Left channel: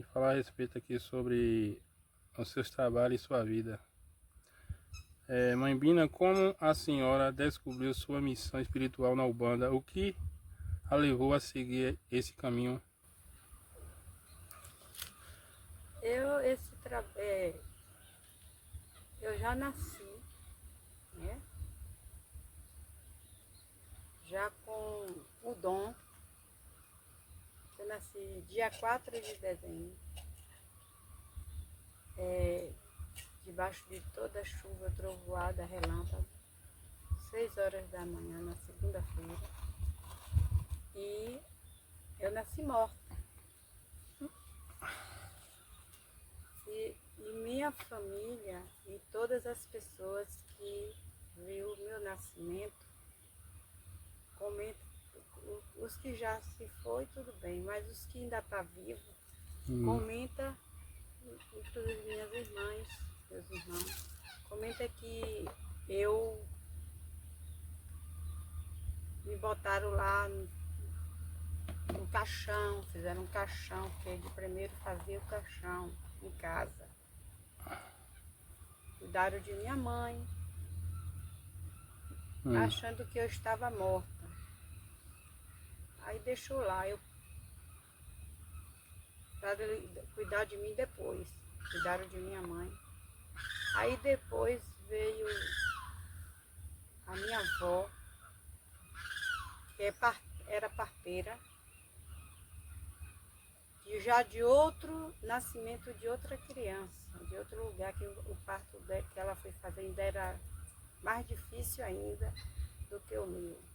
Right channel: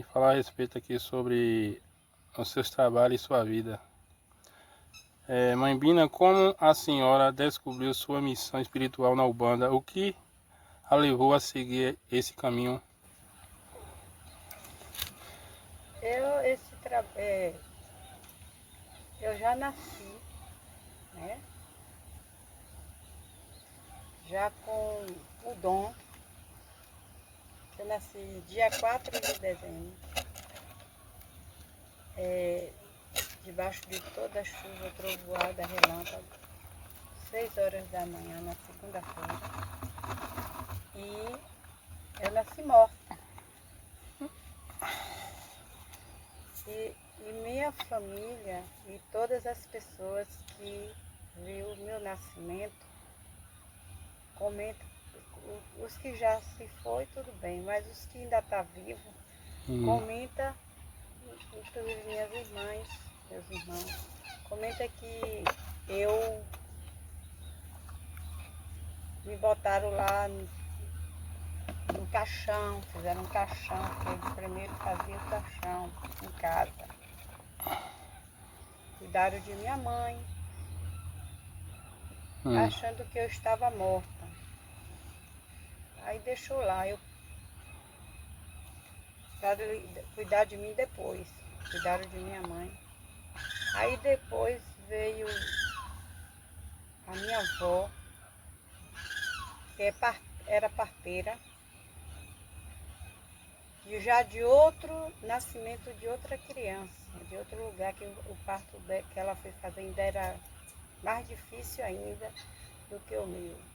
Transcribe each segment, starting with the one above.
e falar a respeito aqui sobre os seus trabalhos e sua vida. Mãe Bina, como a senhora descobriu sua missão espiritual na Umbanda? O que a levou a seguir esse caminho? Eu já nasci, né? Já com o dom. Eu nasci dia 4 de dezembro, debaixo de toda a chuva, trovoada, relâmpago, 6 horas da manhã, na segunda-feira. E eu nasci morta. E minha família e todas as pessoas que viu o meu nascimento comentam, os que já se foi, tudo bem, mas os que ainda estão vivos, comenta, inclusive minhas irmãs, meus irmãos, comenta que eu me botaram lá no caixão, fizeram um caixão, porque de primeiro fazia o caixão em casa. Cuidaram de minha mãe, achando que eu estava morta. Aí deixou lá, para cuidar de mim depois. Cuidaram de minha mãe. Aí depois veio a minha avó, que era parteira, e já de outro nascimento de outra criança, de outro lugar, que o parto que ela foi fazer ainda era mais difícil ainda do que o meu.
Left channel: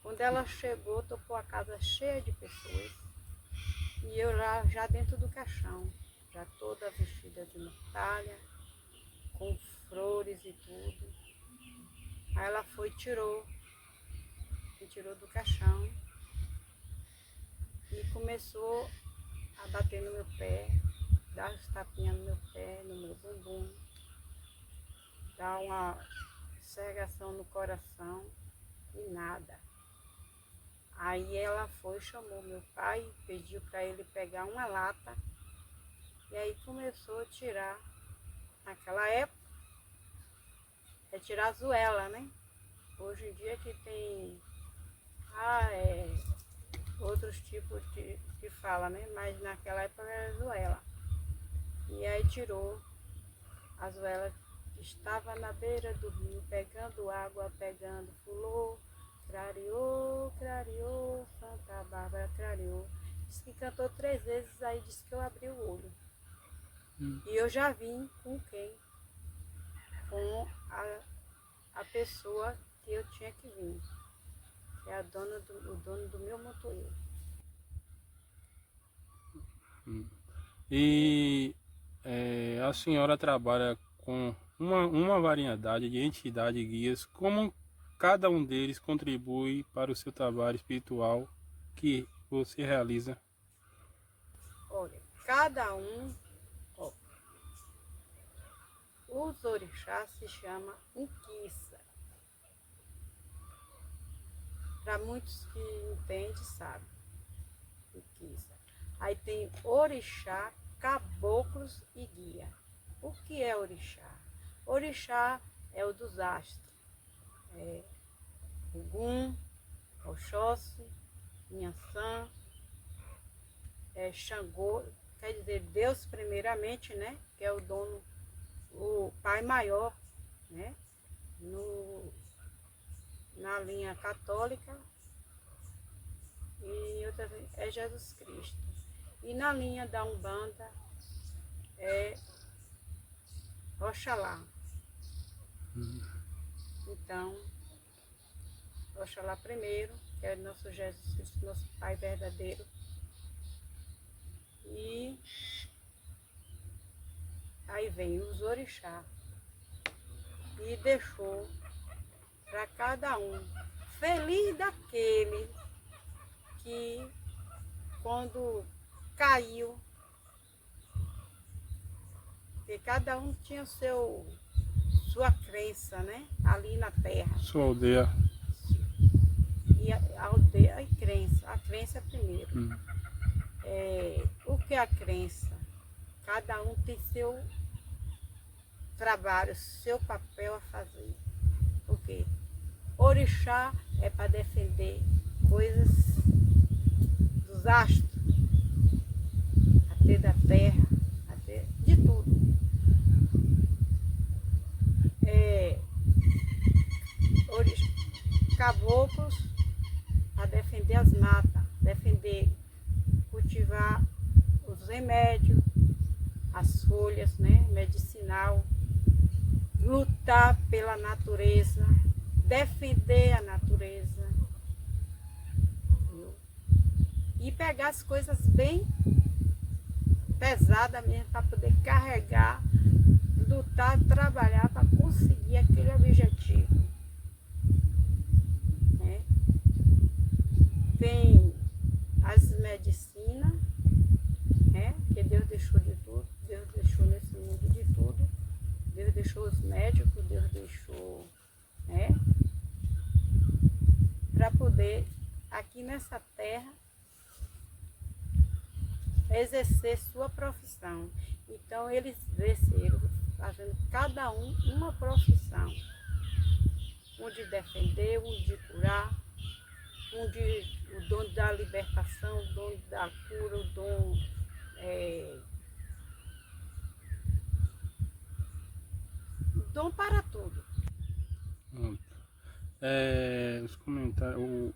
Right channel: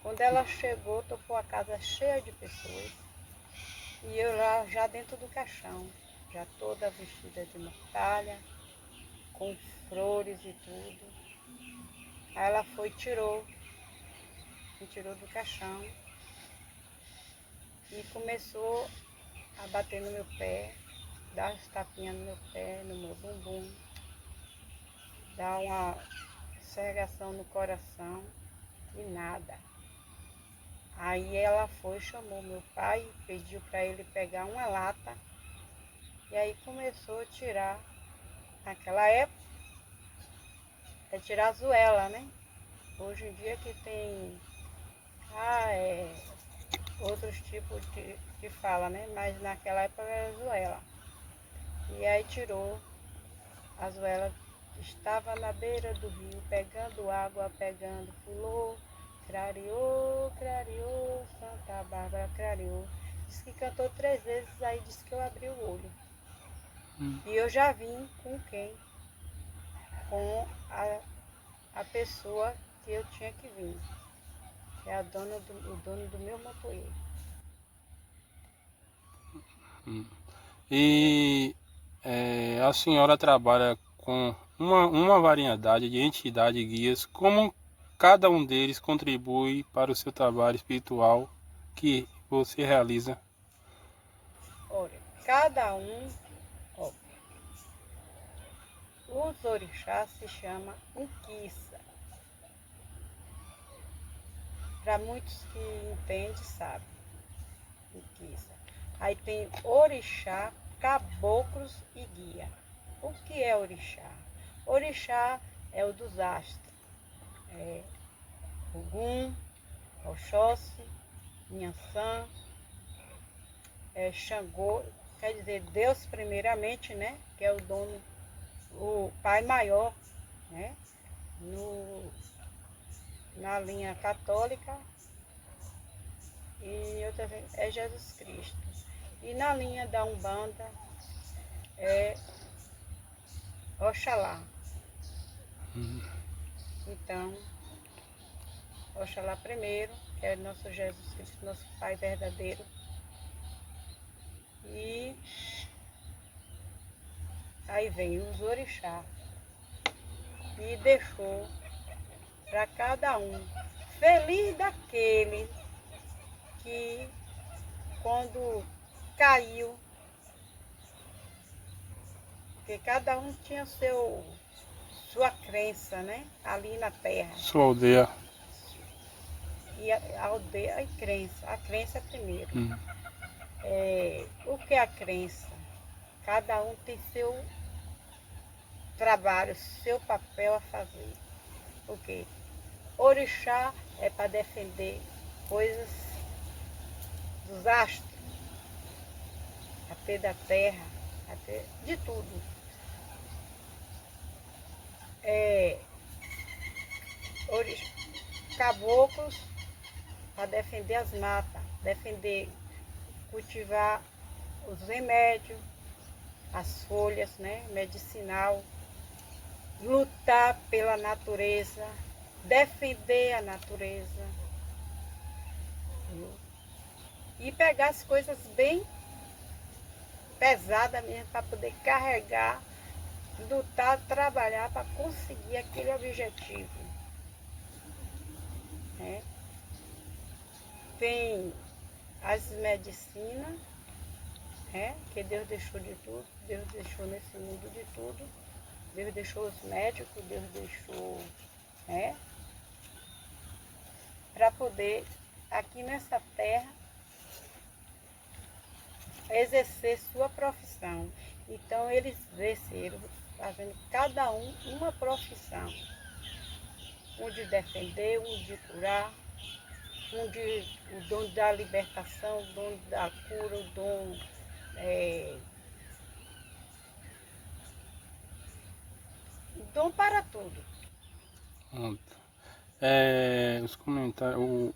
Quando ela chegou, topou a casa cheia de pessoas, e eu lá já dentro do caixão, já toda vestida de mortalha, com flores e tudo. Aí ela foi me tirou do caixão e começou a bater no meu pé, dar uns tapinhas no meu pé, no meu bumbum, dar uma serração no coração e nada. Aí ela foi, chamou meu pai, pediu para ele pegar uma lata e aí começou a tirar. Naquela época, tirar a zoela, né? Hoje em dia que tem outros tipos de fala, né? Mas naquela época era zoela. E aí tirou a zoela, estava na beira do rio, pegando água, pegando, pulou, clareou, clareou, Santa Bárbara clareou. Disse que cantou 3 vezes, aí disse que eu abri o olho. E eu já vim com quem? Com a pessoa que eu tinha que vir, que é o dono do meu motoeiro. E a senhora trabalha com uma variedade de entidades guias, como cada um deles contribui para o seu trabalho espiritual que você realiza? Olha, cada um, ó, os orixás se chama Uquiça. Para muitos que entendem, sabem. Uquiça. Aí tem orixá, caboclos e guia. O que é orixá? Orixá é o dos astros. É Ogum, Oxóssi, Nhançã, Xangô, quer dizer Deus primeiramente, né? Que é o dono, o pai maior, né? Na linha católica e outra é Jesus Cristo. E na linha da Umbanda é Oxalá. Então, Oxalá primeiro, que é nosso Jesus Cristo, nosso Pai verdadeiro. E aí vem os orixás. E deixou para cada um. Feliz daquele que quando caiu, porque cada um tinha sua crença, né? Ali na terra. Sua aldeia. E a aldeia e crença. A crença é primeiro. O que é a crença? Cada um tem seu trabalho, seu papel a fazer. O quê? Orixá é para defender coisas dos astros, até da terra, até de tudo. Caboclos para defender as matas, defender, cultivar os remédios, as folhas, né, medicinal, lutar pela natureza, defender a natureza e pegar as coisas bem pesadas mesmo para poder carregar, lutar, trabalhar para conseguir aquele objetivo. Né? Tem as medicinas, né? Que Deus deixou de tudo, Deus deixou nesse mundo de tudo, Deus deixou os médicos, Deus deixou, né? Para poder aqui nessa terra exercer sua profissão. Então eles desceram fazendo cada um uma profissão. Um de defender, um de curar, o dom da libertação, o dom da cura, o dom para tudo. Os comentários,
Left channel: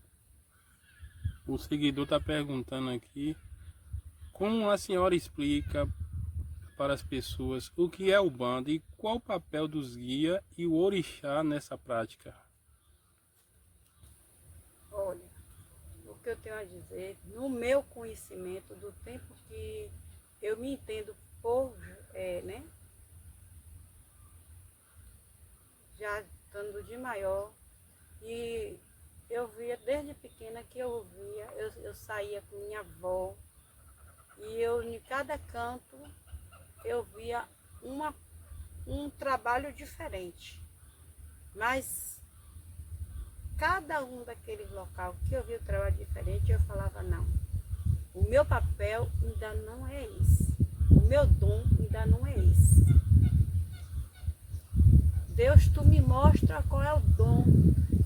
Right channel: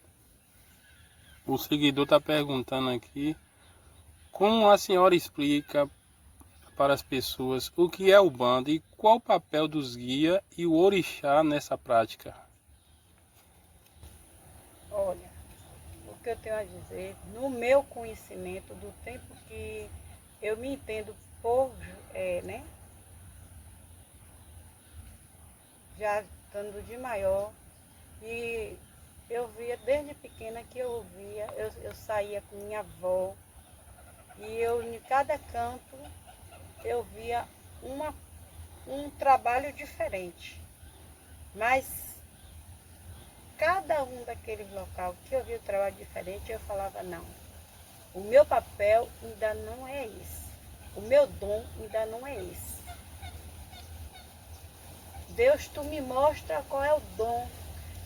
o seguidor está perguntando aqui como a senhora explica para as pessoas o que é Umbanda e qual o papel dos guias e o orixá nessa prática. Olha, o que eu tenho a dizer, no meu conhecimento, do tempo que eu me entendo por, né? Já estando de maior, e eu via desde pequena que eu via, eu saía com minha avó, e eu em cada canto eu via um trabalho diferente. Mas cada um daqueles locais que eu via um trabalho diferente, eu falava, não, o meu papel ainda não é esse, o meu dom ainda não é esse. Deus, tu me mostra qual é o dom.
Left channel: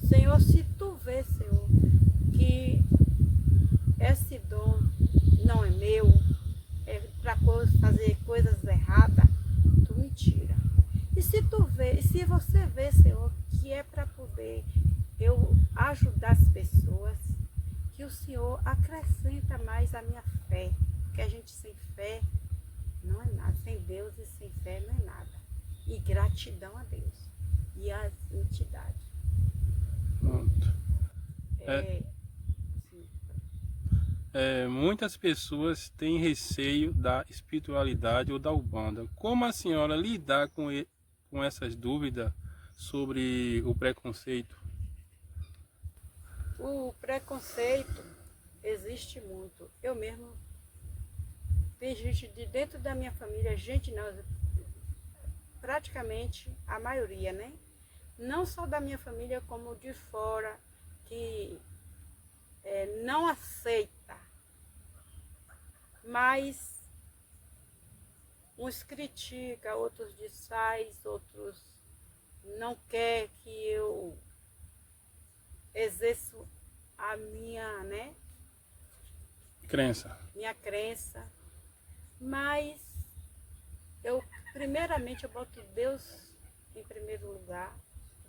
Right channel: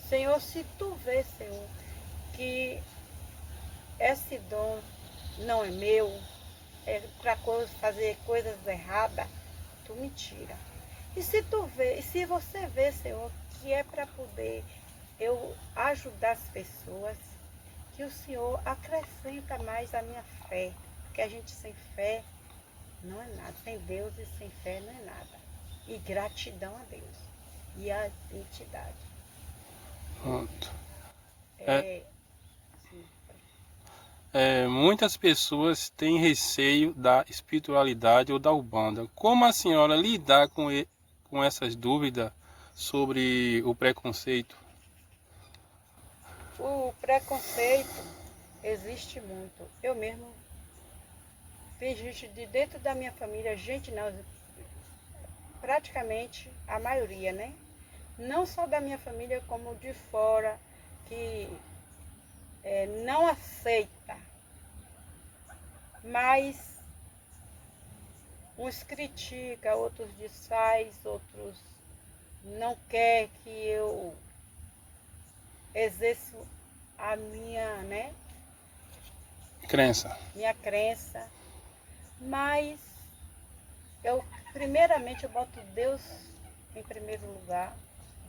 Senhor, se tu vê, Senhor, que esse dom não é meu, é para fazer coisas erradas, tu me tira. E se você vê, Senhor, que é para poder eu ajudar as pessoas, que o Senhor acrescenta mais a minha fé, porque a gente sem fé não é nada, sem Deus e sem fé não é nada. E gratidão a Deus e às entidades. Pronto. Muitas pessoas têm receio da espiritualidade ou da Umbanda. Como a senhora lidar com essas dúvidas sobre o preconceito? O preconceito existe muito. Eu mesmo, tem gente de dentro da minha família, gente não, praticamente a maioria, né? Não só da minha família, como de fora, que não aceita. Mas uns criticam, outros desfaz, outros não quer que eu exerça a minha, né? Minha crença. Mas primeiramente eu boto Deus em primeiro lugar,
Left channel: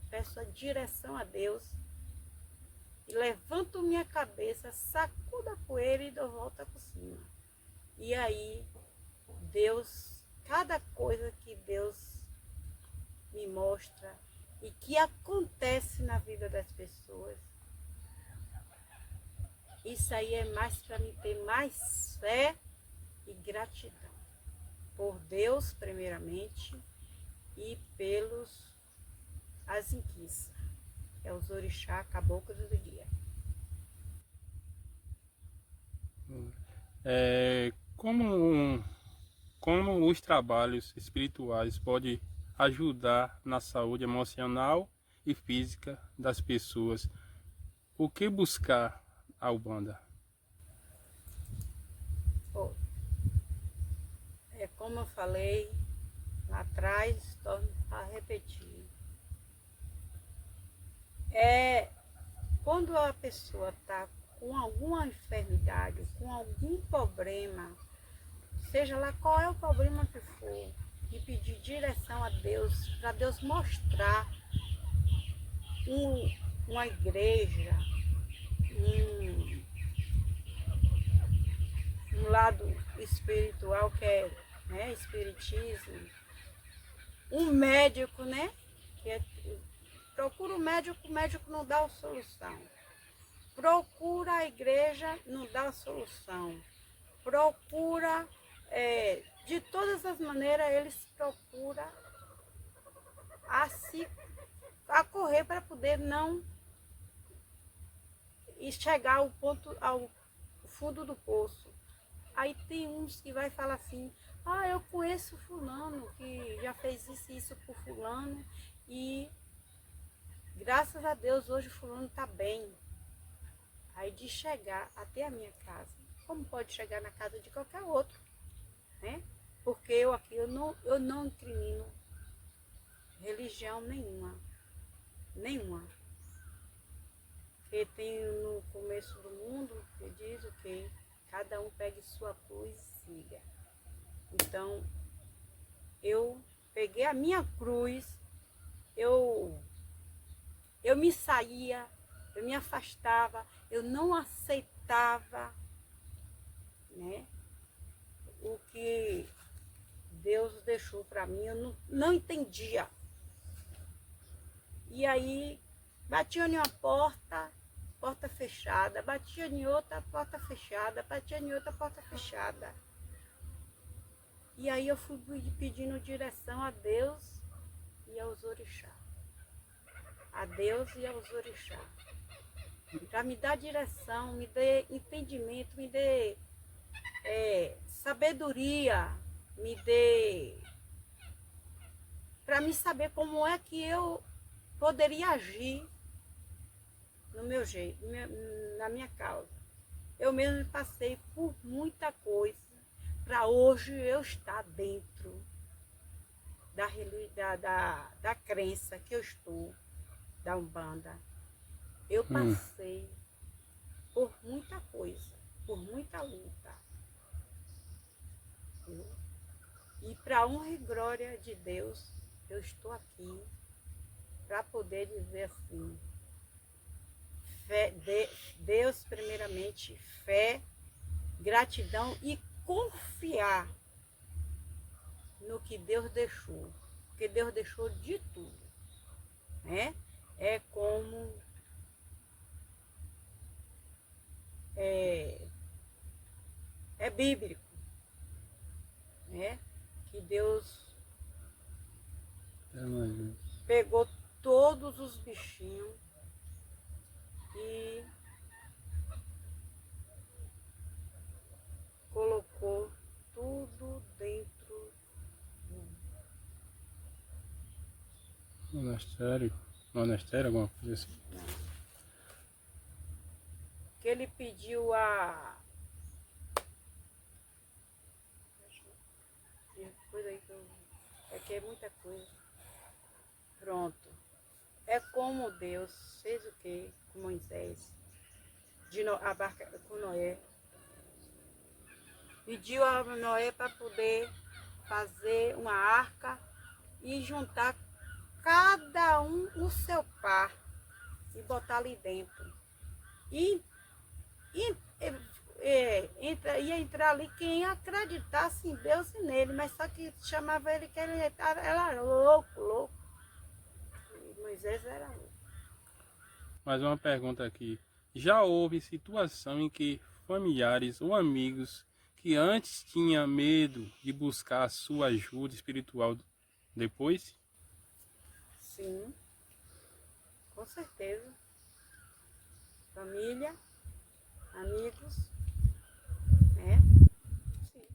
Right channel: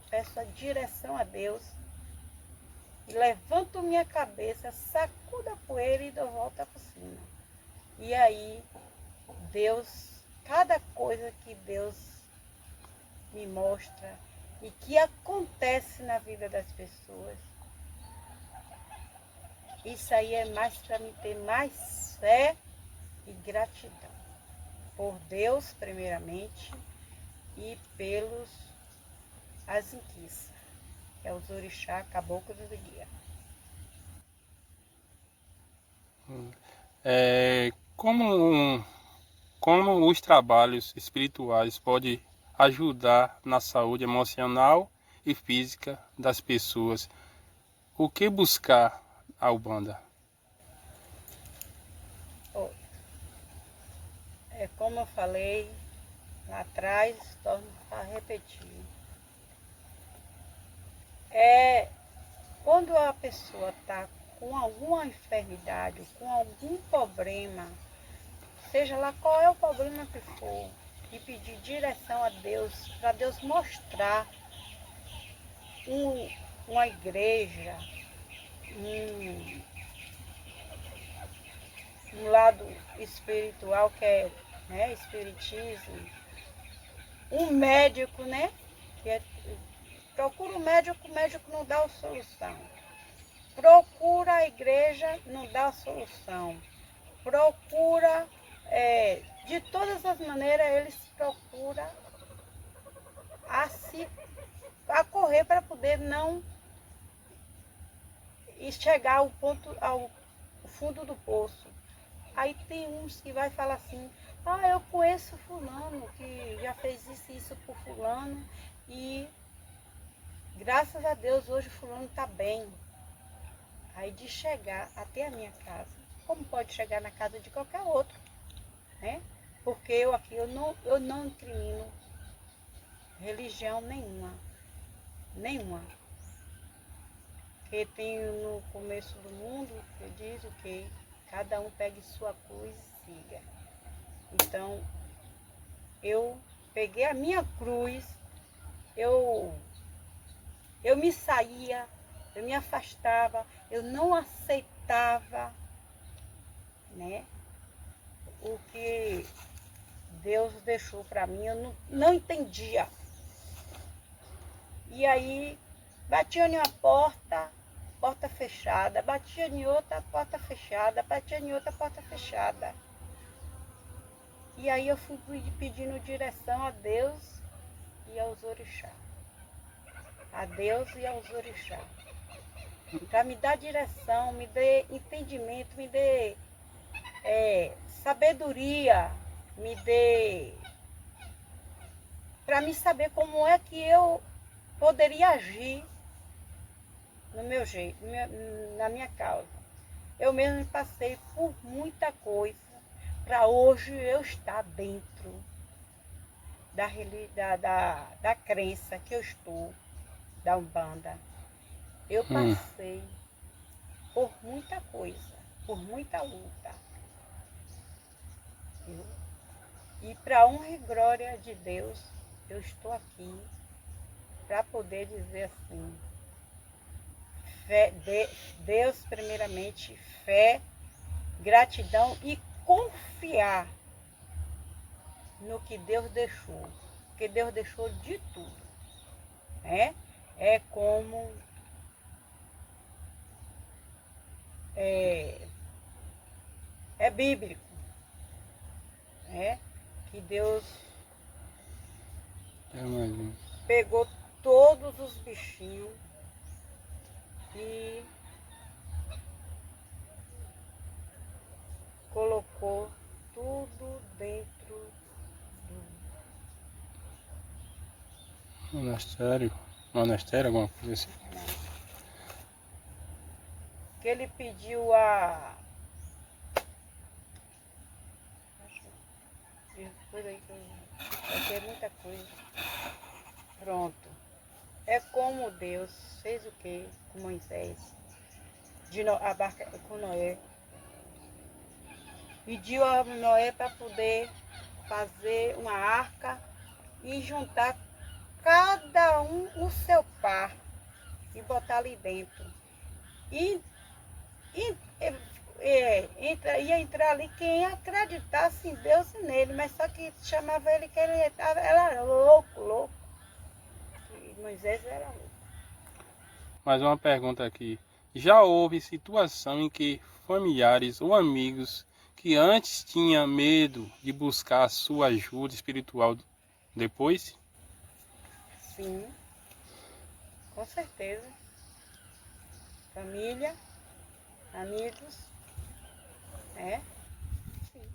peço a direção a Deus e levanto minha cabeça, sacudo a poeira e dou volta por cima. E aí, Deus, cada coisa que Deus me mostra e que acontece na vida das pessoas, isso aí é mais para me ter mais fé e gratidão. Por Deus, primeiramente, e pelos as inquiças, que é os orixá, caboclos e guia. Como os trabalhos espirituais podem ajudar na saúde emocional e física das pessoas? O que buscar a Umbanda? como eu falei lá atrás, torno a repetir. Quando a pessoa está com alguma enfermidade, com algum problema, seja lá qual é o problema que for, e pedir direção a Deus, para Deus mostrar uma igreja, um lado espiritual que é, né, espiritismo, um médico, né? Procura o médico não dá a solução. Procura a igreja, não dá a solução. Procura, de todas as maneiras, eles procuram a correr para poder não chegar ao fundo do poço. Aí tem uns que vai falar assim, eu conheço fulano que já fez isso e isso por fulano e graças a Deus hoje fulano está bem. Aí de chegar até a minha casa, como pode chegar na casa de qualquer outro, né? Porque eu não incrimino religião nenhuma. Porque tem no começo do mundo que diz o quê? Cada um pegue sua cruz e siga. Então, eu peguei a minha cruz, eu me saía, eu me afastava, eu não aceitava, né, o que Deus deixou para mim, eu não entendia. E aí, batia em uma porta fechada, batia em outra, porta fechada, batia em outra, porta fechada. E aí eu fui pedindo direção a Deus e aos orixás. A Deus e aos orixás. Para me dar direção, me dê entendimento, me dê sabedoria, me dê... para me saber como é que eu poderia agir no meu jeito, na minha causa. Eu mesmo passei por muita coisa para hoje eu estar dentro da crença que eu estou, da Umbanda. Eu passei por muita coisa, por muita luta. E para honra e glória de Deus, eu estou aqui para poder dizer assim, Deus primeiramente, fé, gratidão e confiar no que Deus deixou, porque Deus deixou de tudo, né? É como é bíblico, né? Que Deus pegou todos os bichinhos e colocou tudo dentro do monastério, alguma coisa assim. Que ele pediu depois aí que vai ter muita coisa. Pronto. É como Deus fez o que com Moisés, a barca com Noé. Pediu a Noé para poder fazer uma arca e juntar cada um o seu par e botar ali dentro. Ia entrar ali quem acreditasse em Deus e nele, mas só que chamava ele que ele era louco. E Moisés era louco. Mais uma pergunta aqui. Já houve situação em que familiares ou amigos que antes tinham medo de buscar a sua ajuda espiritual depois? Sim, com certeza. Família, amigos, sim.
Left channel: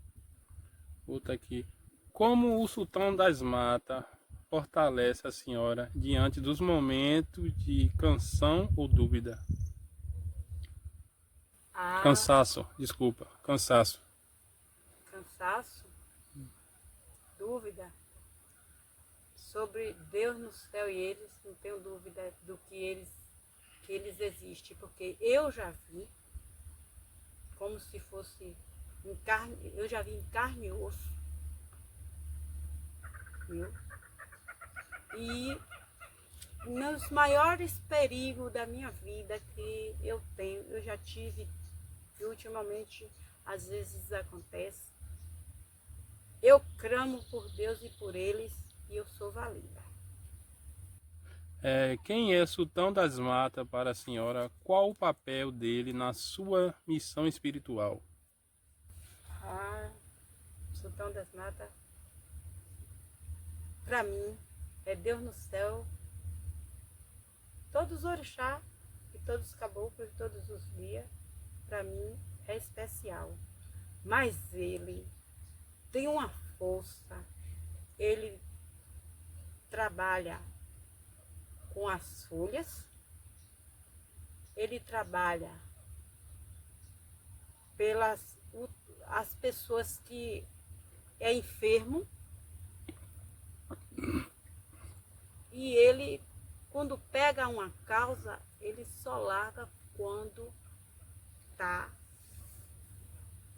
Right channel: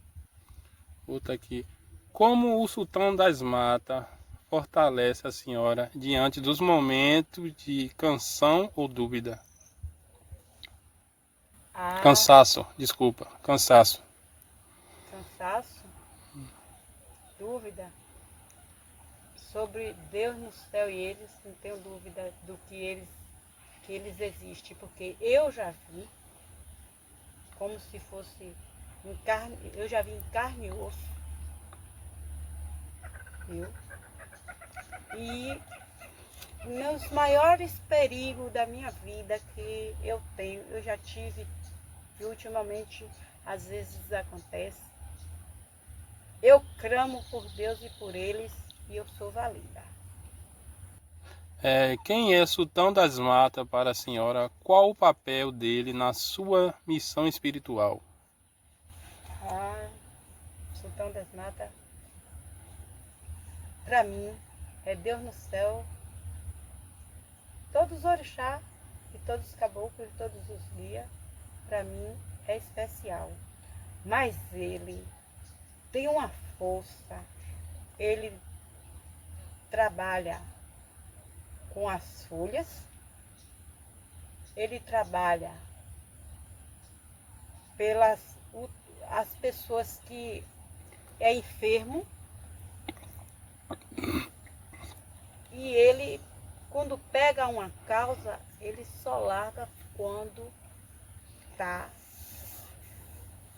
Outra aqui. Como o sultão das matas fortalece a senhora diante dos momentos de cansaço ou dúvida? Cansaço. Cansaço? dúvida sobre Deus no céu e eles, não tenho dúvida do que eles existem, porque eu já vi como se fosse em carne, eu já vi em carne e osso, viu? E nos maiores perigos da minha vida que eu tenho, eu já tive, e ultimamente às vezes acontece, eu clamo por Deus e por eles e eu sou valida. Quem é Sultão das Matas para a senhora? Qual o papel dele na sua missão espiritual? Ah, Sultão das Matas, para mim, é Deus no céu, todos os orixás e todos os caboclos e todos os guias, para mim é especial. Mas ele tem uma força, ele trabalha com as folhas, ele trabalha pelas as pessoas que é enfermo e ele, quando pega uma causa, ele só larga quando tá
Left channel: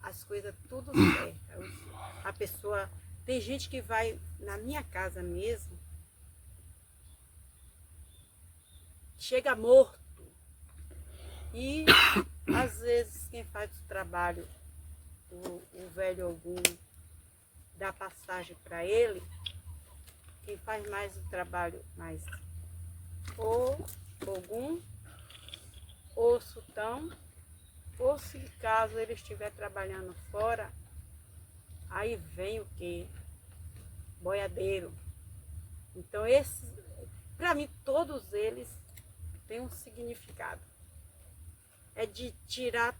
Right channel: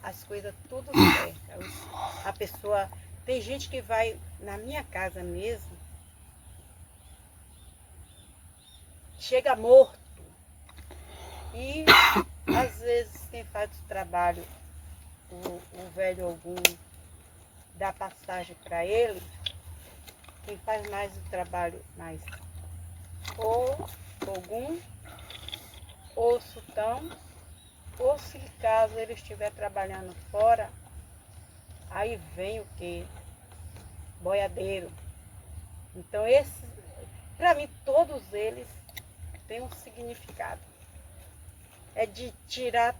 as coisas tudo certas. A pessoa, tem gente que vai na minha casa mesmo, chega morto e às vezes quem faz o trabalho, o velho algum dá passagem para ele, quem faz mais o trabalho mais ou Ogum, ou Sultão, ou se caso ele estiver trabalhando fora, aí vem o que? Boiadeiro. Então esses, para mim todos eles têm um significado. É de tirar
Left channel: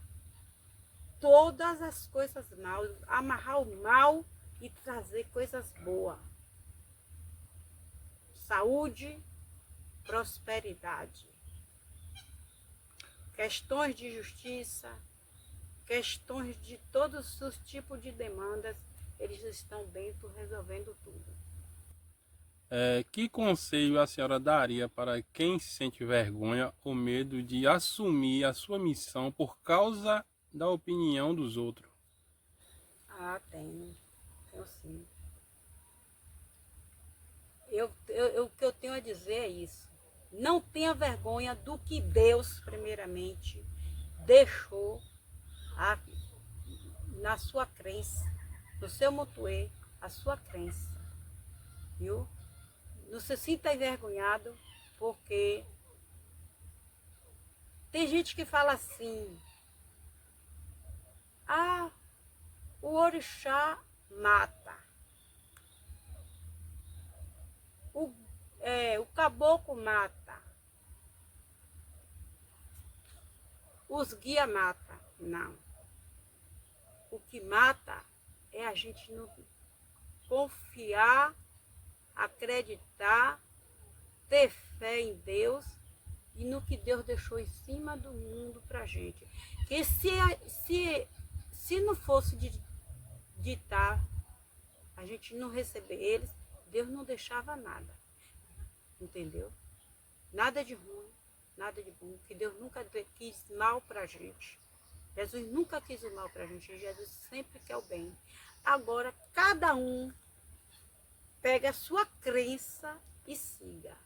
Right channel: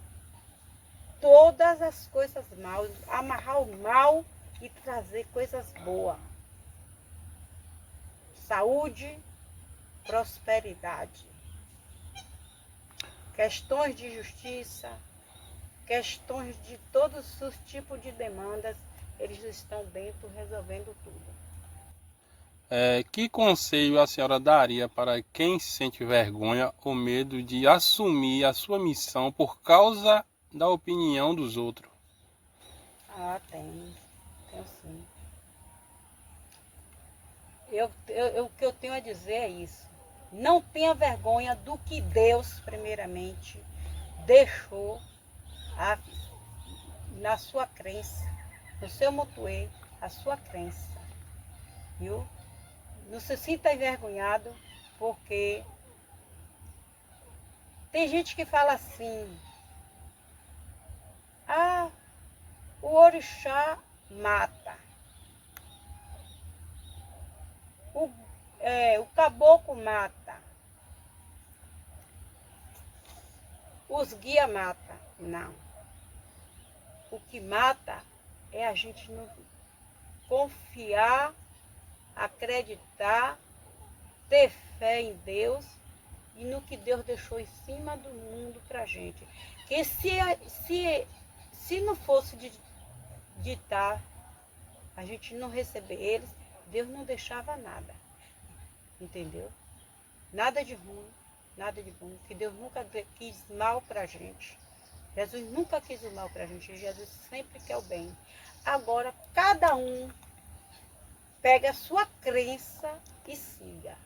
todas as coisas mal, amarrar o mal e trazer coisas boas. Saúde, prosperidade. Questões de justiça, questões de todos os tipos de demandas, eles estão dentro resolvendo tudo. Que conselho a senhora daria para quem sente vergonha ou medo de assumir a sua missão por causa da opinião dos outros? Ah, tenho sim. O que eu tenho a dizer é isso. Não tenha vergonha do que Deus, primeiramente, deixou na sua crença, no seu motuê, a sua crença. Viu? Não se sinta envergonhado, porque tem gente que fala assim, ah, o orixá mata. O caboclo mata. Os guia mata. Não. O que mata é a gente não confiar, acreditar, ter fé em Deus e no que Deus deixou em cima do mundo pra gente. Que se não fosse ditar, a gente não receber eles, Deus não deixava nada. Entendeu? Nada de ruim, nada de bom. Que Deus nunca quis mal pra gente. Jesus nunca quis o mal pra gente. Jesus sempre quer o bem. Agora, cada um pega a sua crença e siga.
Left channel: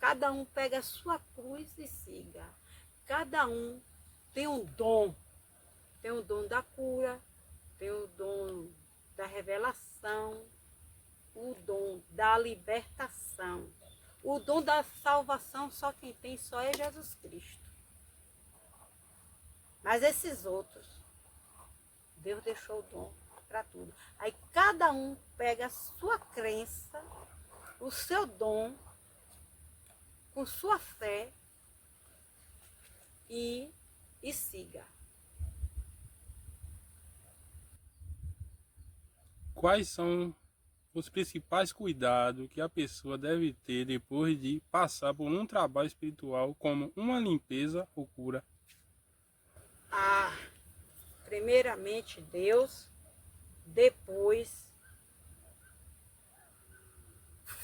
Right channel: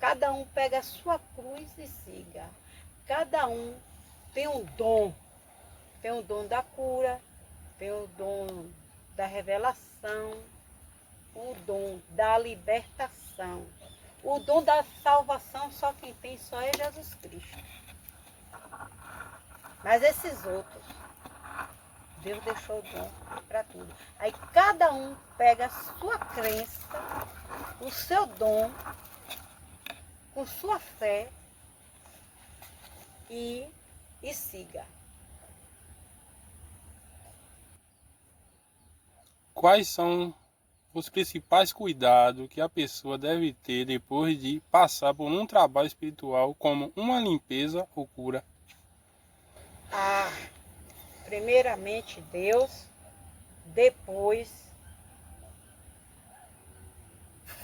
Cada um pega a sua cruz e siga. Cada um tem um dom. Tem o dom da cura, tem o dom da revelação, o dom da libertação. O dom da salvação só quem tem só é Jesus Cristo. Mas esses outros, Deus deixou o dom para tudo. Aí cada um pega a sua crença, o seu dom, com sua fé e siga. Quais são os principais cuidados que a pessoa deve ter depois de passar por um trabalho espiritual, como uma limpeza ou cura? Primeiramente Deus, depois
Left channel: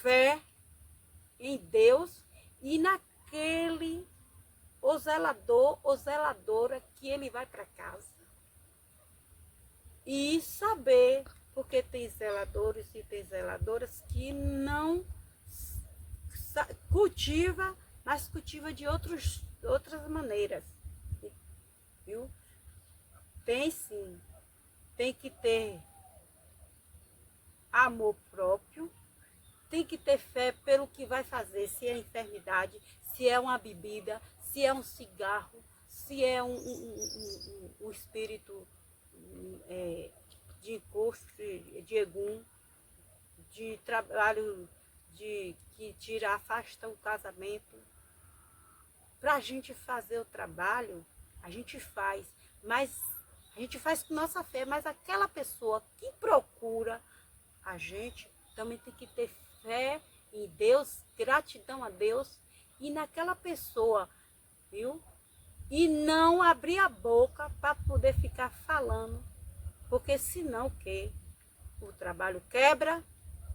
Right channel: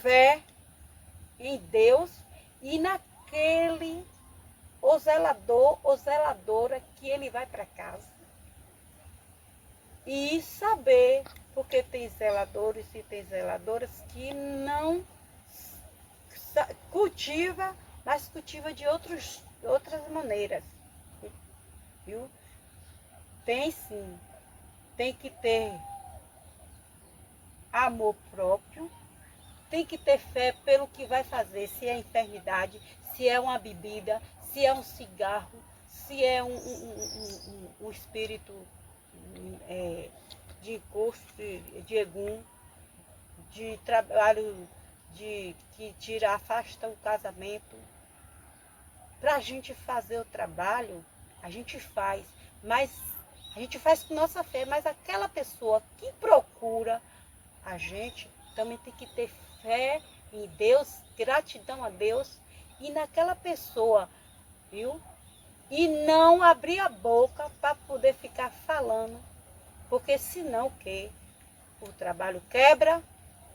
fé em Deus e naquele o zelador ou zeladora que ele vai para casa. E saber, porque tem zeladores e tem zeladoras que não cultiva, mas cultiva de outras maneiras. Viu? Tem sim, tem que ter amor próprio, tem que ter fé pelo que vai fazer, se é enfermidade, se é uma bebida, se é um cigarro, se é um espírito de encosto, de egum, de trabalho que tira, afasta o casamento. Para a gente fazer o trabalho, a gente faz, mas a gente faz com nossa fé, mas aquela pessoa que procura a gente também tem que ter fé em Deus, gratidão a Deus e naquela pessoa, viu? E não abrir a boca para poder ficar falando, porque senão o quê? O trabalho quebra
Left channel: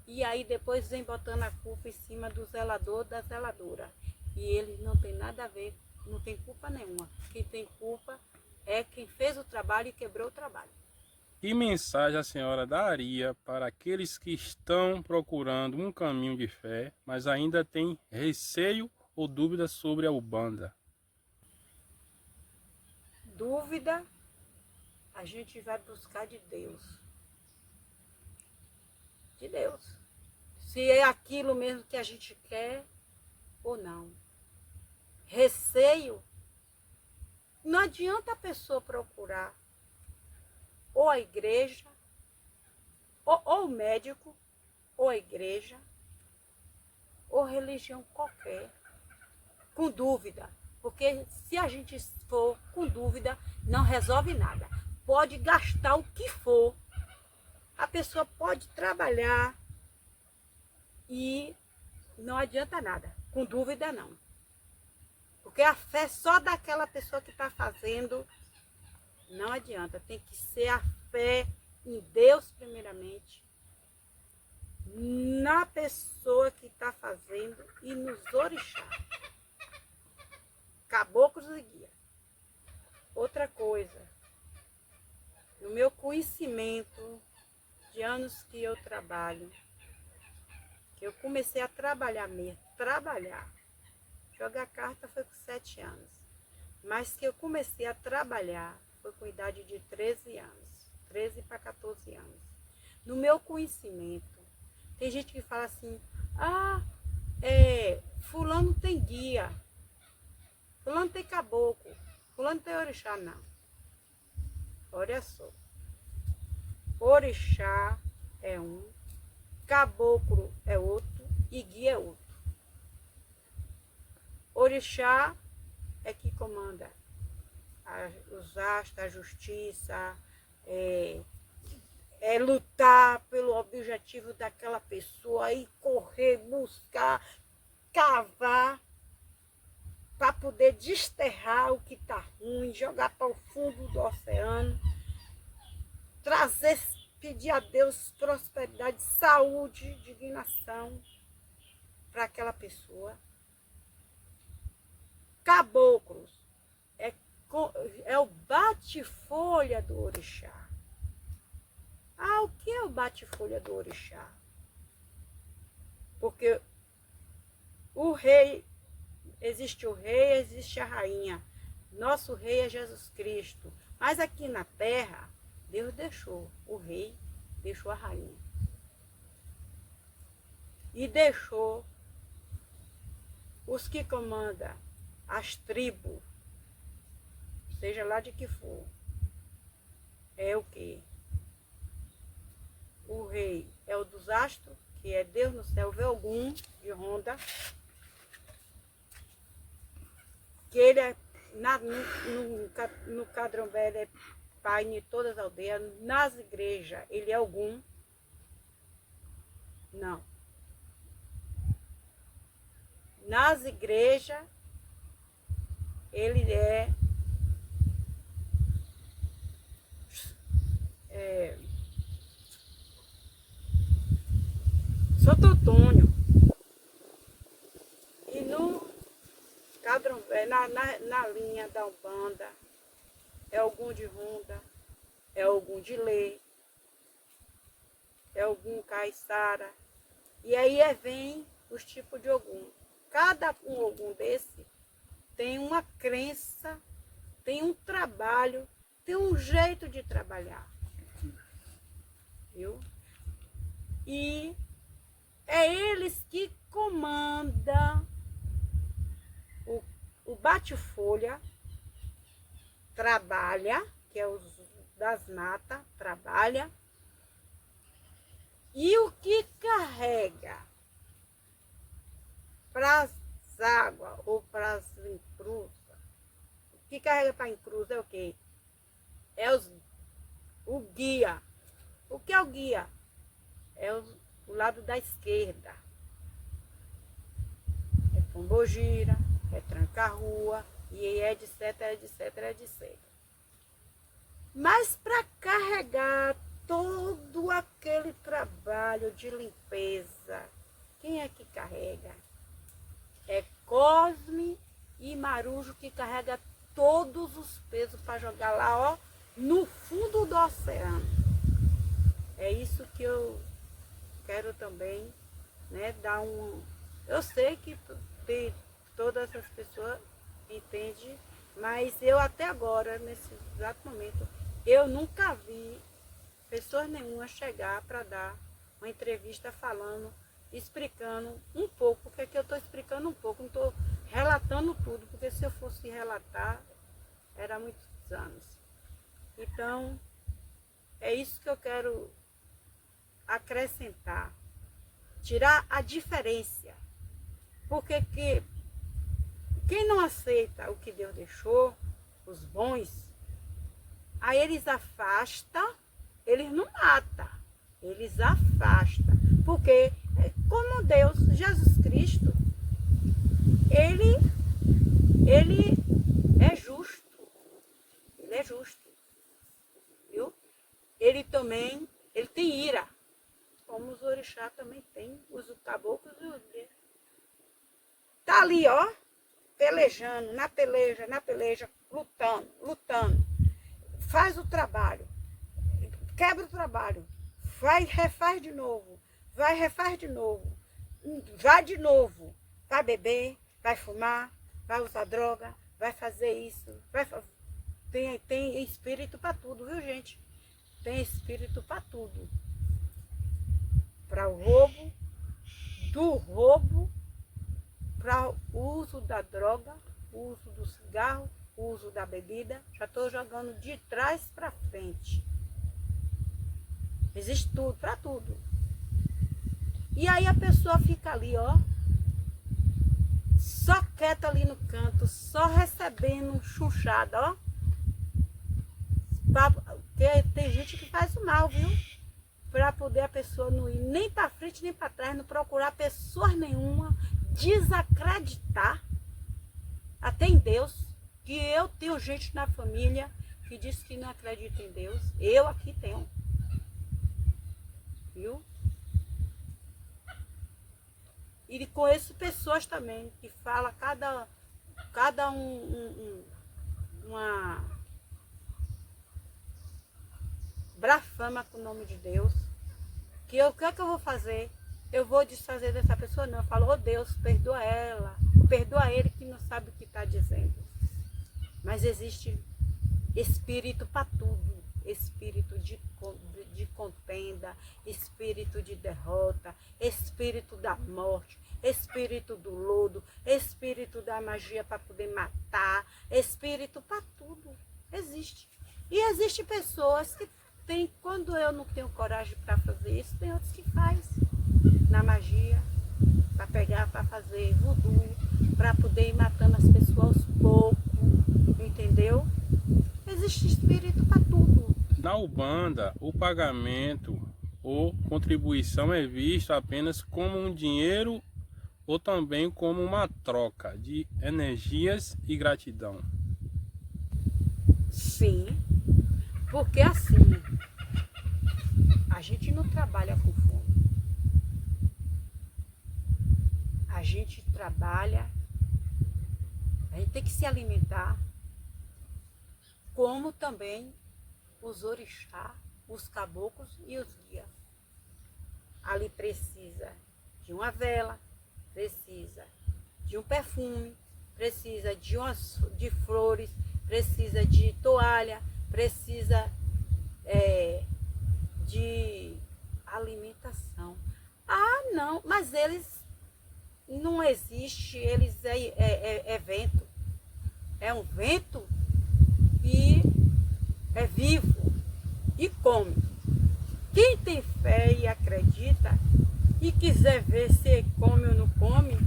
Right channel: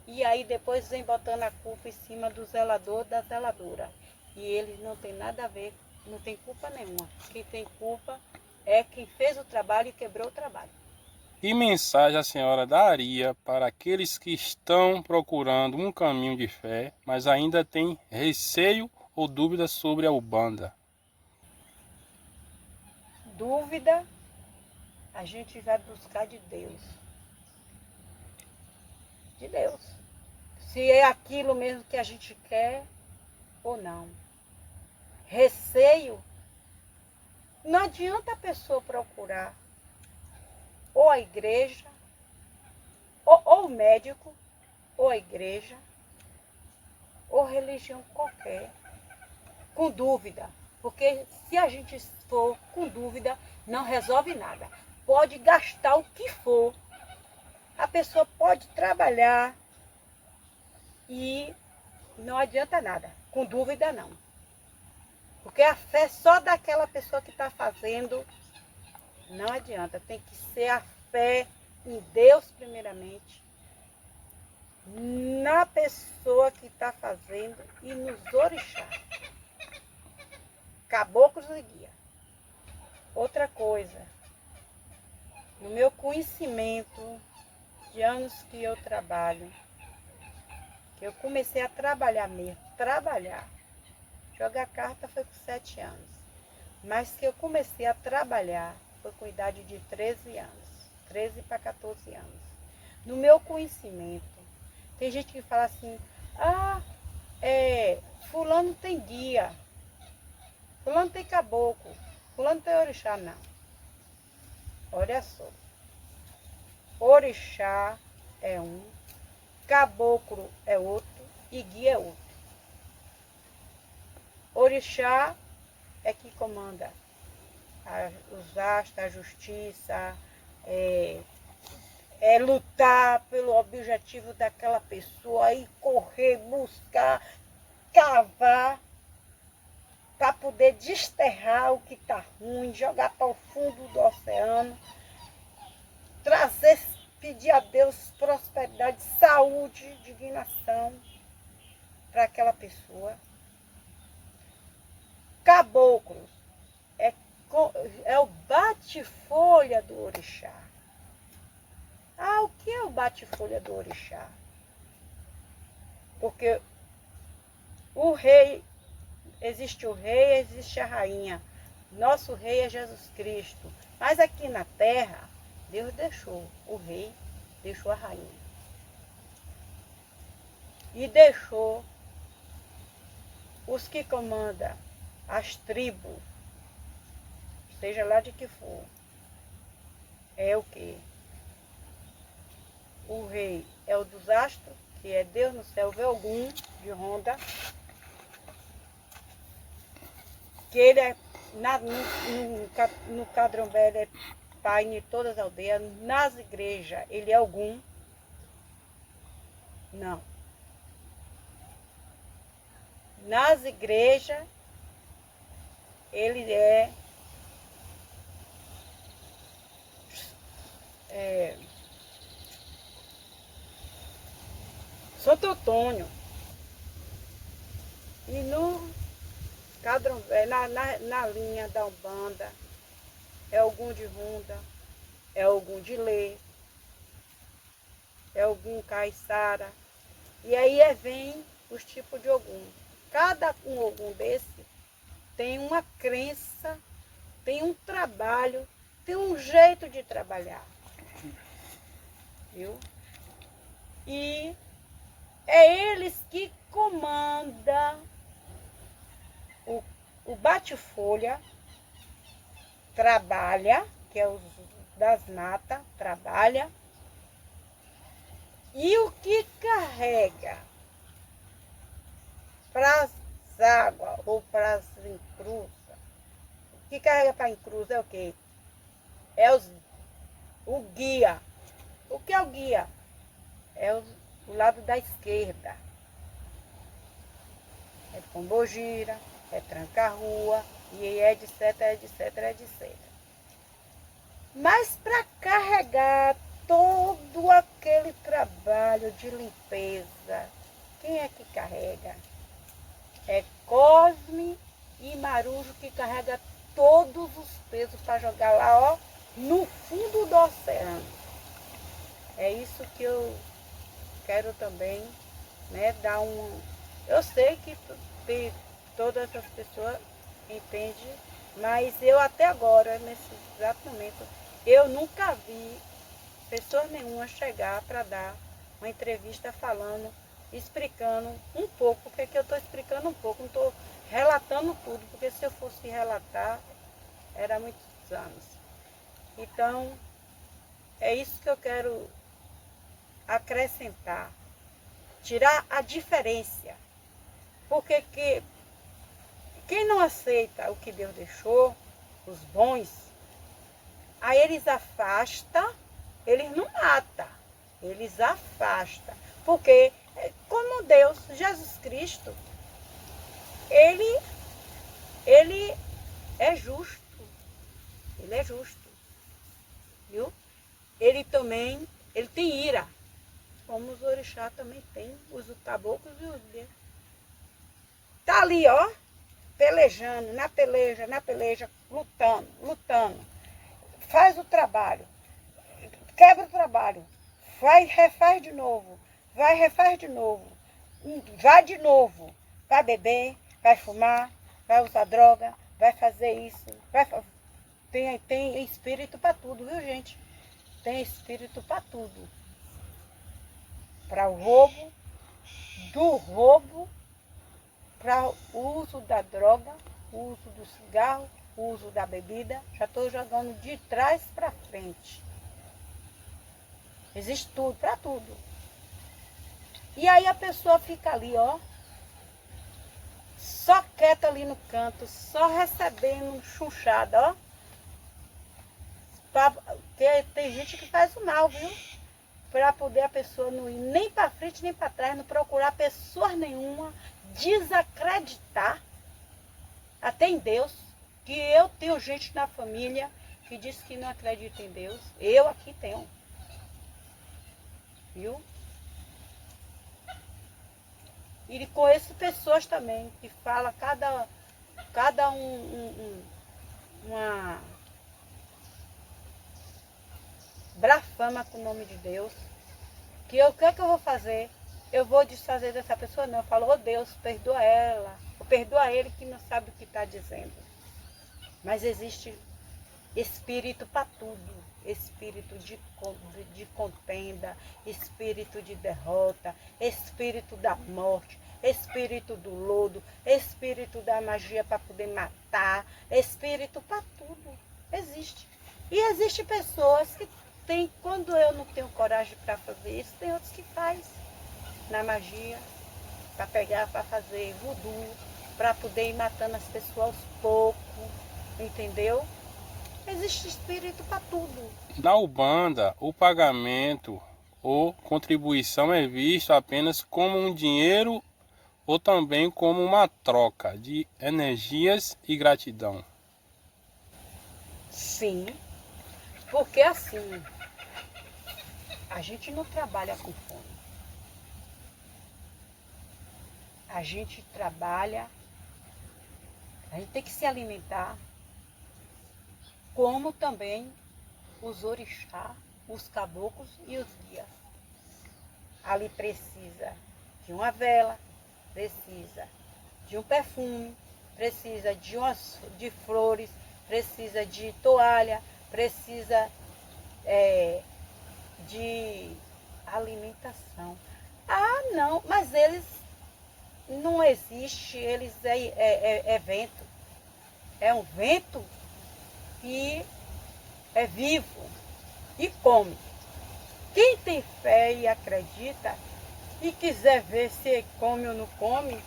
e aí depois vem botando a culpa em cima do zelador, da zeladora. E eles não tem nada a ver, não tem culpa nenhuma. Quem tem culpa é quem fez o trabalho e quebrou o trabalho. Que mensagem a senhora daria para aqueles que estão procurando um caminho de fé, mas ainda têm receio ou dúvidas sobre a Ubanda? Dúvida, a gente vai buscar de Deus. De Deus. Se é aquilo mesmo que a gente quer ou não. Receio, não adianta a pessoa procurar ou a igreja, ou o médico, ou a igreja, ou religião qualquer, com dúvida. Porque se a gente for com dúvida, não resolve nada. Pode gastar o que for. A pessoa pode trabalhar e não adianta nada. Com dúvida, não. Porque a fé só daquela pessoa que está fazendo não adianta. Tem que ser a fé em Deus primeiramente, na pessoa que está fazendo e nos orixás, caboclos e guia. Outra coisa, no meu conhecimento de anos que eu trabalho, que eu comecei a trabalhar mesmo, jogar carta foi com 7 anos, mas que eu comecei a trabalhar foi com idade de 13 anos, 13 para 14 anos. No meu conhecimento, tem gente que fala assim, fulano tem guia, fulano tem caboclo, fulano tem orixá. Não. Olha só, orixá é um, caboclo é outro e guia é outro. Orixá é que comanda os astros, a justiça, lutar pelo objetivo daquela pessoa e correr, buscar, cavar para poder desterrar o que está ruim, jogar para o fundo do oceano, trazer, pedir a Deus prosperidade, saúde, dignação para aquela pessoa. Caboclos é o bate-folha do orixá. O que é o bate-folha do orixá? Porque o rei, existe o rei, existe a rainha. Nosso rei é Jesus Cristo. Mas aqui na terra, Deus deixou o rei, deixou a rainha. E deixou os que comandam as tribos, seja lá de que for. É o quê? O rei é o dos astros, que é Deus no céu, Velgum, de Ronda, que ele é, no Cadrombé, ele é pai de todas as aldeias, nas igrejas ele é Ogum. Não. Nas igrejas ele é Santo Antônio. na linha da Umbanda, é algum de Runda, é algum de Lê, é algum caiçara. E aí vem os tipos de Ogum. Cada um Ogum desse tem uma crença, tem um trabalho, tem um jeito de trabalhar. Viu? E é eles que comandam o bate-folha, trabalha, que é os das matas, trabalha, e o que carrega para as águas ou para as encruzas, o que carrega para a encruza é o quê? É o guia. O que é o guia? É o lado da esquerda. É pombogira, é tranca-rua, e é etc, etc, etc. Mas para carregar todo aquele trabalho de limpeza, quem é que carrega? É Cosme e Marujo que carrega todos os pesos para jogar lá, ó, no fundo do oceano. É isso que eu quero também, né, dar um... Eu sei que todas as pessoas entendem, mas eu até agora, nesse exato momento, eu nunca vi pessoa nenhuma chegar para dar uma entrevista falando, explicando um pouco, porque aqui eu estou explicando um pouco, não estou relatando tudo, porque se eu fosse relatar, era muitos anos. Então, é isso que eu quero acrescentar, tirar a diferença, porque quem não aceita o que Deus deixou, os bons, aí eles afastam, eles não matam, eles afastam, porque como Deus, Jesus Cristo, ele é justo, ele é justo, viu? Ele também, ele tem ira, como os orixás também tem, os caboclos e os deus. Tá ali, ó, pelejando, na peleja, lutando. Faz o trabalho, quebra o trabalho, refaz de novo, refaz de novo, vai beber, vai fumar, vai usar droga, vai fazer isso, tem espírito para tudo, viu, gente? Tem espírito para tudo. Para o roubo, do roubo, para o uso da droga, o uso do cigarro, o uso da bebida. Já estou jogando de trás para frente. Existe tudo, para tudo. E aí a pessoa fica ali, ó, só quieta ali no canto, só recebendo chunchada, ó. Porque tem gente que faz o mal, viu? Para poder a pessoa não ir nem para frente nem para trás, não procurar pessoa nenhuma, desacreditar até em Deus, que eu tenho gente na família que diz que não acredita em Deus, eu aqui tenho, viu? E conheço pessoas também que falam cada uma blasfema com o nome de Deus, que o que é que eu vou fazer? Eu vou desfazer dessa pessoa? Não, eu falo, oh Deus, perdoa ela, perdoa ele que não sabe o que está dizendo. Mas existe espírito para tudo, espírito de contenda, espírito de derrota, espírito da morte, espírito do lodo, espírito da magia para poder matar, espírito para tudo, existe. E existe pessoas que tem, quando eu não tenho coragem para fazer isso, tem outros que faz na magia, para pegar, para fazer voodoo, para poder ir matando as pessoas aos poucos, entendeu? Existe espírito para tudo. Na Umbanda, o pagamento ou contribuição é visto apenas como um dinheiro ou também como uma troca de energias e gratidão. Sim, porque assim, a gente não trabalha com fome. A gente trabalha A gente tem que se alimentar, como também os orixás, os caboclos e os guias. Ali precisa de uma vela, precisa de um perfume, precisa de flores, precisa de toalha, precisa de alimentação. Ah, não, mas eles não existe, eles é vento. É um vento que é vivo e come. Quem tem fé e acredita e quiser ver se come ou não come,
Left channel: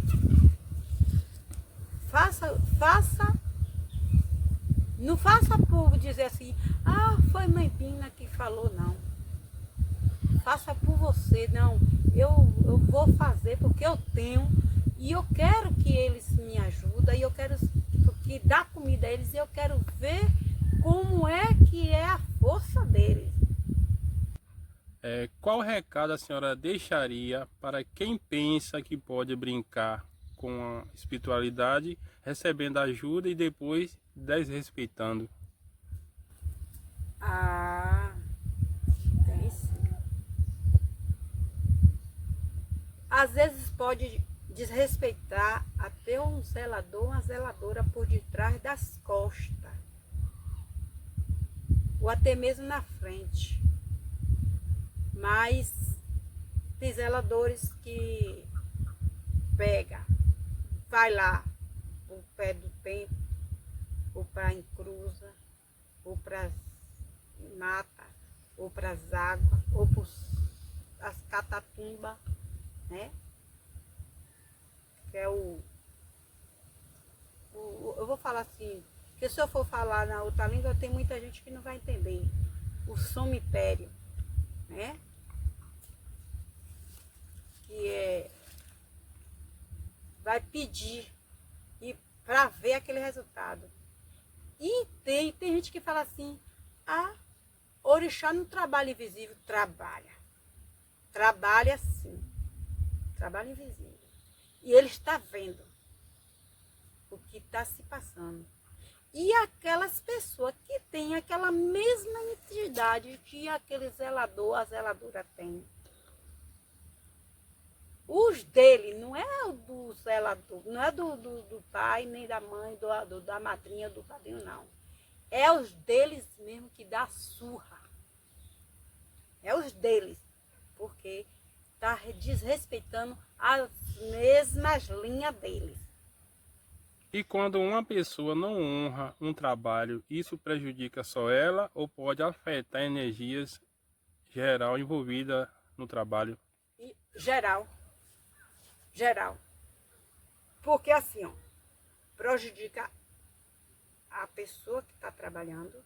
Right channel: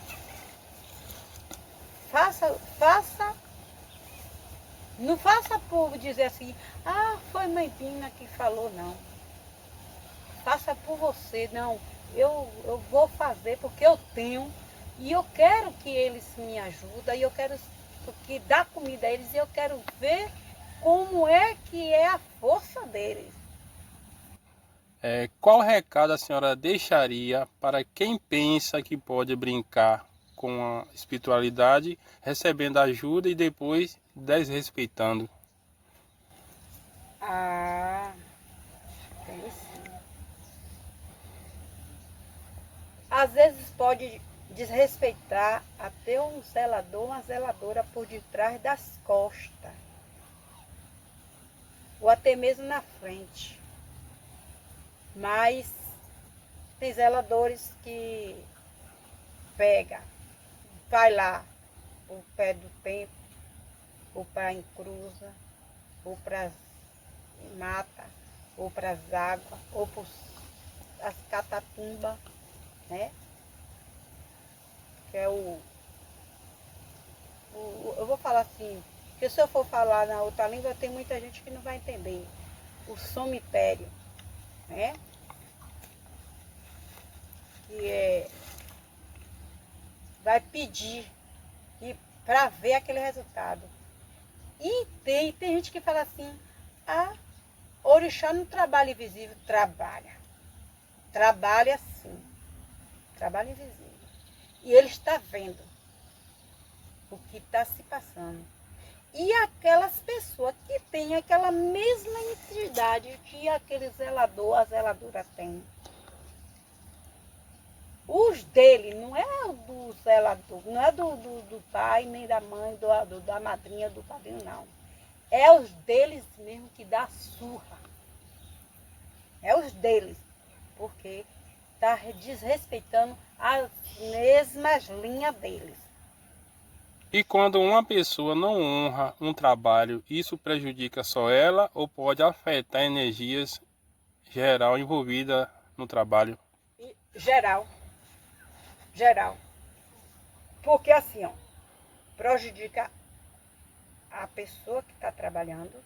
não faça por dizer assim, ah, foi mãe Pina que falou, não. Faça por você, não. Eu vou fazer porque eu tenho e eu quero que eles me ajudem, e eu quero que dá comida a eles, e eu quero ver como é que é a força deles. Qual recado a senhora deixaria para quem pensa que pode brincar com a espiritualidade, recebendo ajuda e depois desrespeitando? Ah, tem sim. Às vezes pode desrespeitar até um zelador, uma zeladora por detrás das costas, ou até mesmo na frente. Mas tem zeladores que pega, vai lá, o pé do tempo, ou para encruza, ou para mata, ou para as águas, ou para as catatumbas, né? Que é eu vou falar assim, porque se eu for falar na outra língua, tem muita gente que não vai entender. O cemitério, né? Que vai pedir para ver aquele resultado. E tem gente que fala assim, ah, orixá não trabalha invisível. Trabalha. Trabalha sim. Trabalha invisível. E ele está vendo o que está se passando. E aquelas pessoas que têm aquela mesma entidade que aquele zelador, a zeladora tem. Os dele, não é o do zelador, não é do pai, nem da mãe, da madrinha, do padrinho, não. É os deles mesmo que dá surra. É os deles. Porque está desrespeitando as mesmas linhas deles. E quando uma pessoa não honra um trabalho, isso prejudica só ela ou pode afetar energias geral envolvida no trabalho? Geral. Geral. Porque assim, ó, prejudica a pessoa que está trabalhando.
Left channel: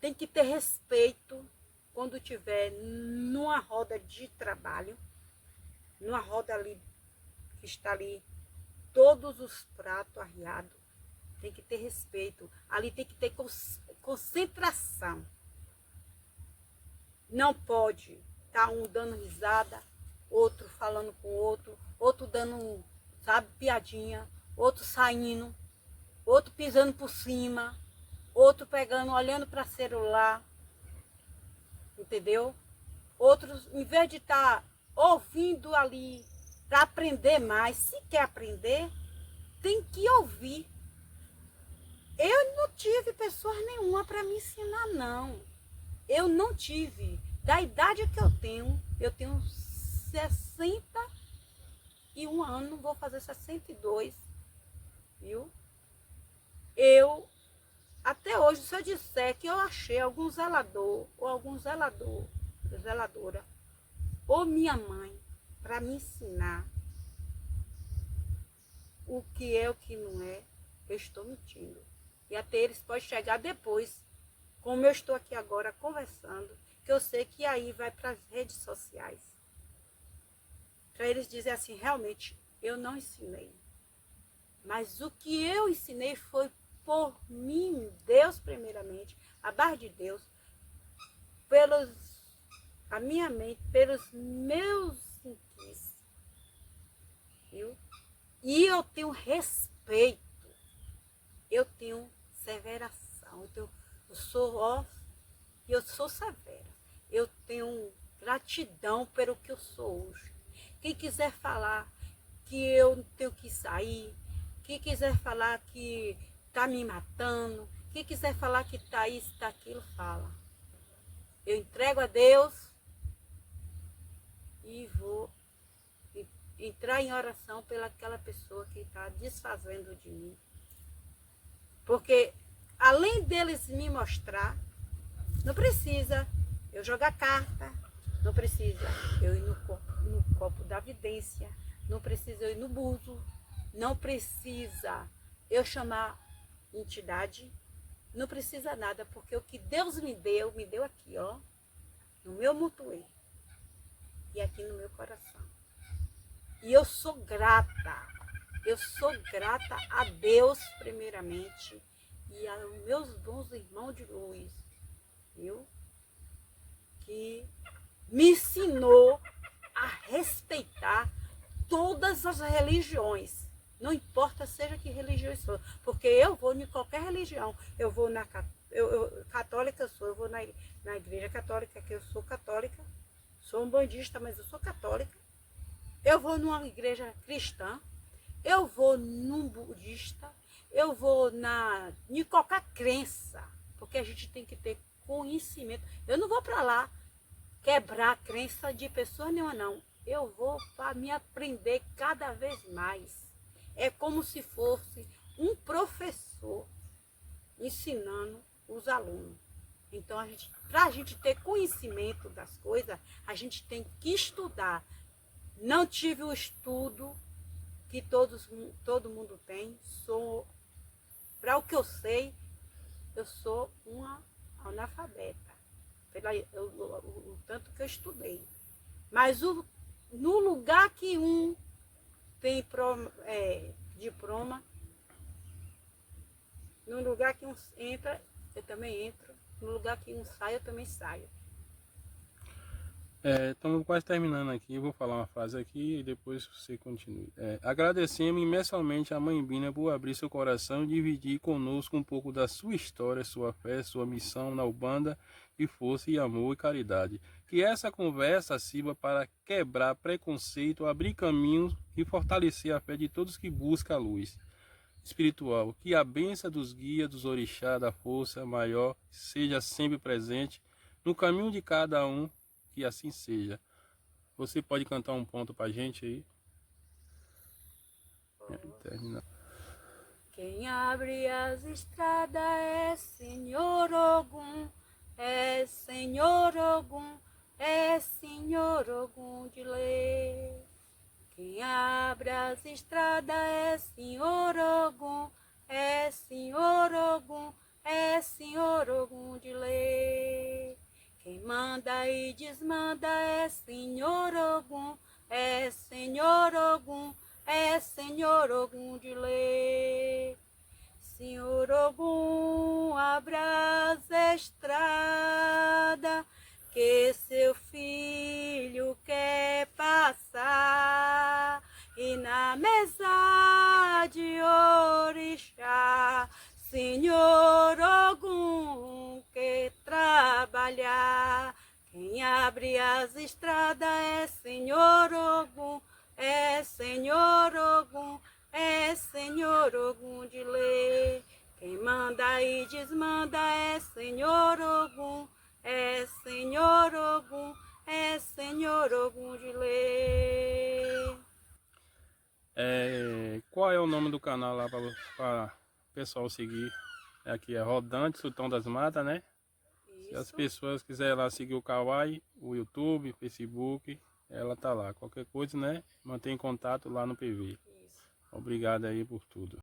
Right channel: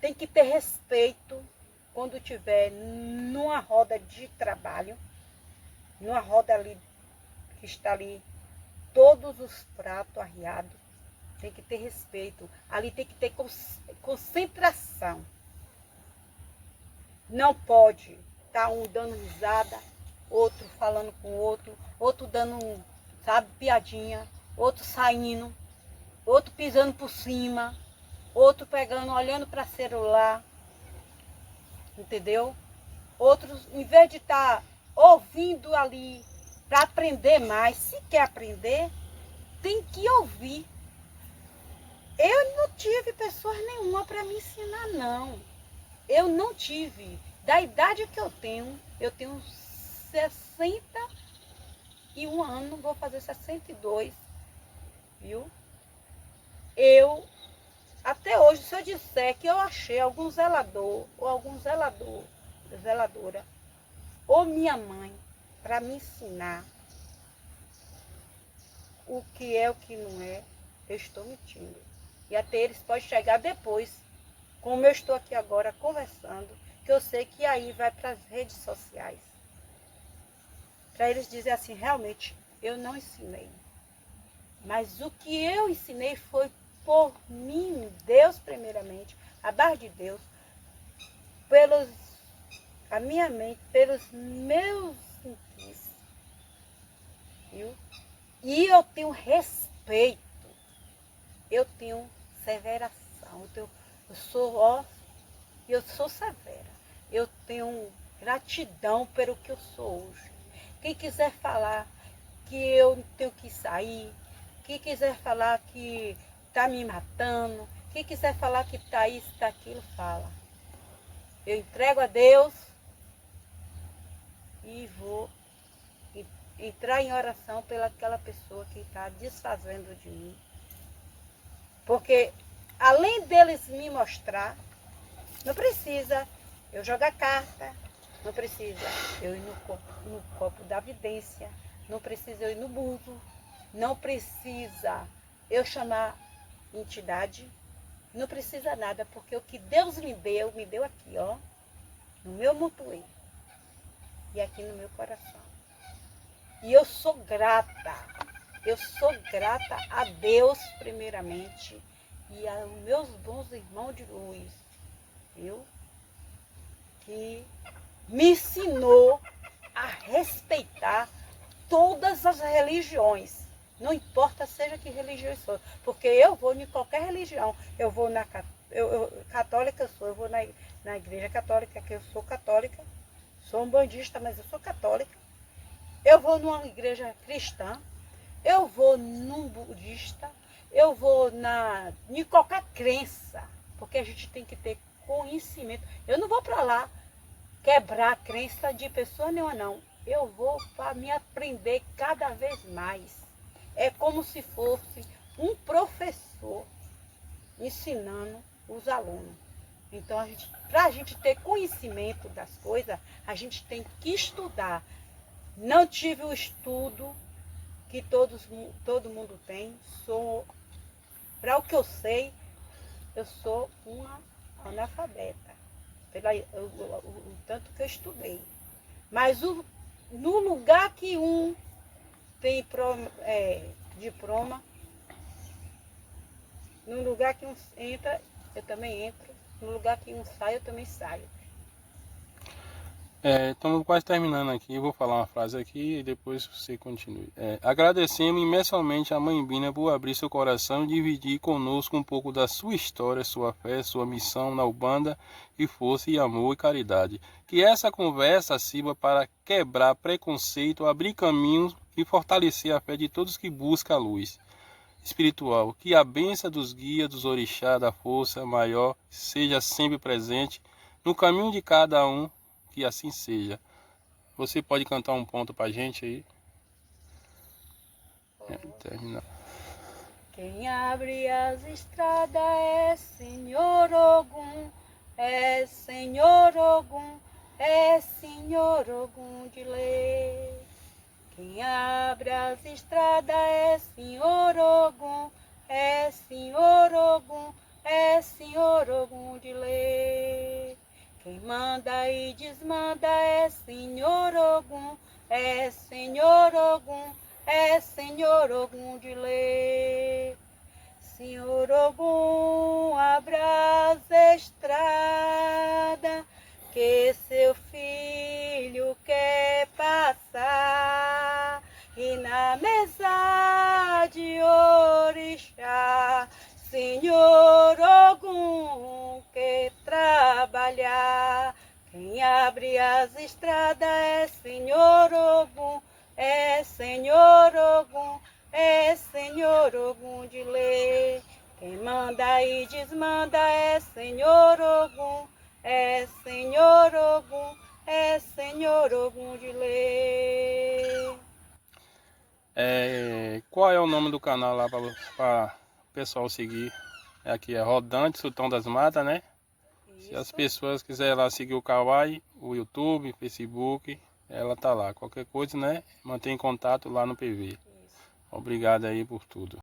Tem que ter respeito quando tiver numa roda de trabalho, numa roda ali que está ali todos os pratos arriados, tem que ter respeito. Ali tem que ter concentração. Não pode estar um dando risada, outro falando com o outro dando, sabe, piadinha, outro saindo, outro pisando por cima, outro pegando, olhando para celular, entendeu? Outros, em vez de estar ouvindo ali para aprender mais, se quer aprender, tem que ouvir. Eu não tive pessoas nenhuma para me ensinar, não. Eu não tive. Da idade que eu tenho 61 anos, vou fazer 62, viu? Até hoje, se eu disser que eu achei algum zelador, ou algum zeladora, ou minha mãe, para me ensinar o que é, o que não é, eu estou mentindo. E até eles podem chegar depois, como eu estou aqui agora conversando, que eu sei que aí vai para as redes sociais. Para eles dizer assim, realmente, eu não ensinei. Mas o que eu ensinei foi por mim, Deus primeiramente, a base de Deus, a minha mente, pelos meus inquis, viu? E eu tenho respeito eu tenho severação, eu sou severa. Eu tenho gratidão pelo que eu sou hoje. Quem quiser falar que eu tenho que sair, quem quiser falar que está me matando, quem quiser falar que está isso, está aquilo, fala. Eu entrego a Deus e vou entrar em oração pelaquela pessoa que está desfazendo de mim. Porque além deles me mostrar, não precisa eu jogar carta, não precisa eu ir no copo da vidência, não precisa eu ir no buzo, não precisa eu chamar entidade, não precisa nada, porque o que Deus me deu aqui, ó, no meu mutuê e aqui no meu coração. E eu sou grata a Deus primeiramente e aos meus bons irmãos de luz, viu? Que me ensinou a respeitar todas as religiões, não importa seja que religião for, porque eu vou em qualquer religião, eu vou na católica, eu vou na igreja católica, que eu sou católica, sou um bandista, mas eu sou católica, eu vou numa igreja cristã, eu vou num budista, eu vou em qualquer crença, porque a gente tem que ter conhecimento. Eu não vou para lá quebrar a crença de pessoa nenhuma, não. Eu vou para me aprender cada vez mais. É como se fosse um professor ensinando os alunos. Então, para a gente ter conhecimento das coisas, a gente tem que estudar. Não tive o estudo que todo mundo tem. Para o que eu sei, eu sou uma analfabeta. O tanto que eu estudei. Mas no lugar que um tem diploma, no lugar que um entra, eu também entro. No lugar que um sai, eu também saio. Estamos quase terminando aqui, eu vou falar uma frase aqui e depois você continue. Agradecemos imensamente a Mãe Bina por abrir seu coração e dividir conosco um pouco da sua história, sua fé, sua missão na Umbanda e força e amor e caridade. Que essa conversa sirva para quebrar preconceito, abrir caminhos e fortalecer a fé de todos que buscam a luz espiritual. Que a bênção dos guias, dos orixás, da força maior seja sempre presente no caminho de cada um. Que assim seja. Você pode cantar um ponto pra gente aí? Terminar. Quem abre as estradas é Senhor Ogum, é Senhor Ogum, é Senhor Ogum de lei. Quem abre as estradas é Senhor Ogum, é Senhor Ogum, é Senhor Ogum de lei. Quem manda e desmanda é Senhor Ogum, é Senhor Ogum, é Senhor Ogum de lei. Senhor Ogum, abra as estradas, que seu filho quer passar. E na mesa de orixá, Senhor Ogum quer trabalhar. Quem abre as estradas é Senhor Ogum, é Senhor Ogum, é Senhor Ogum de lei. Quem manda e desmanda é Senhor Ogum, é Senhor Ogum, é Senhor Ogum de lei. Qual é o nome do canal lá para o pessoal seguir? Aqui é Rodante Sultão das Matas, né? Isso. Se as pessoas quiserem lá seguir o Kawaii, o YouTube, Facebook, ela tá lá. Qualquer coisa, né? Mantém contato lá no PV. Isso. Obrigado aí por tudo.